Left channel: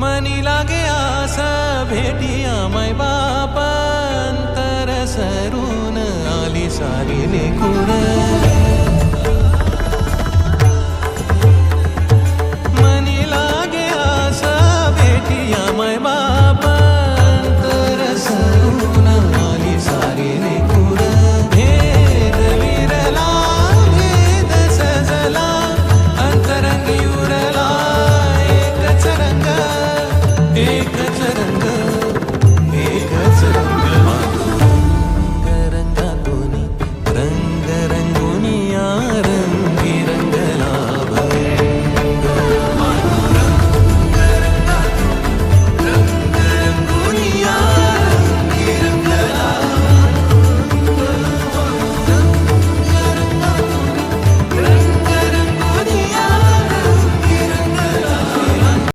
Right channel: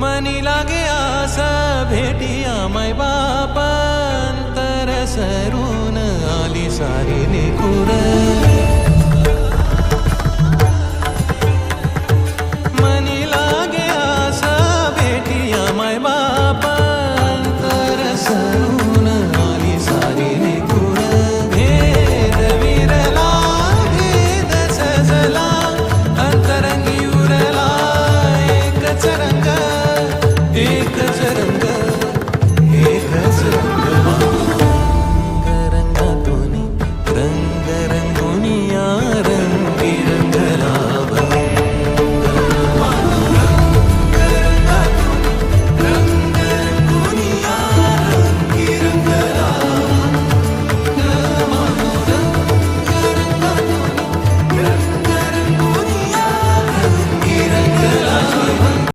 मनी लागे आस भेटिया मै बापन तर सरून आली सारी लेकुर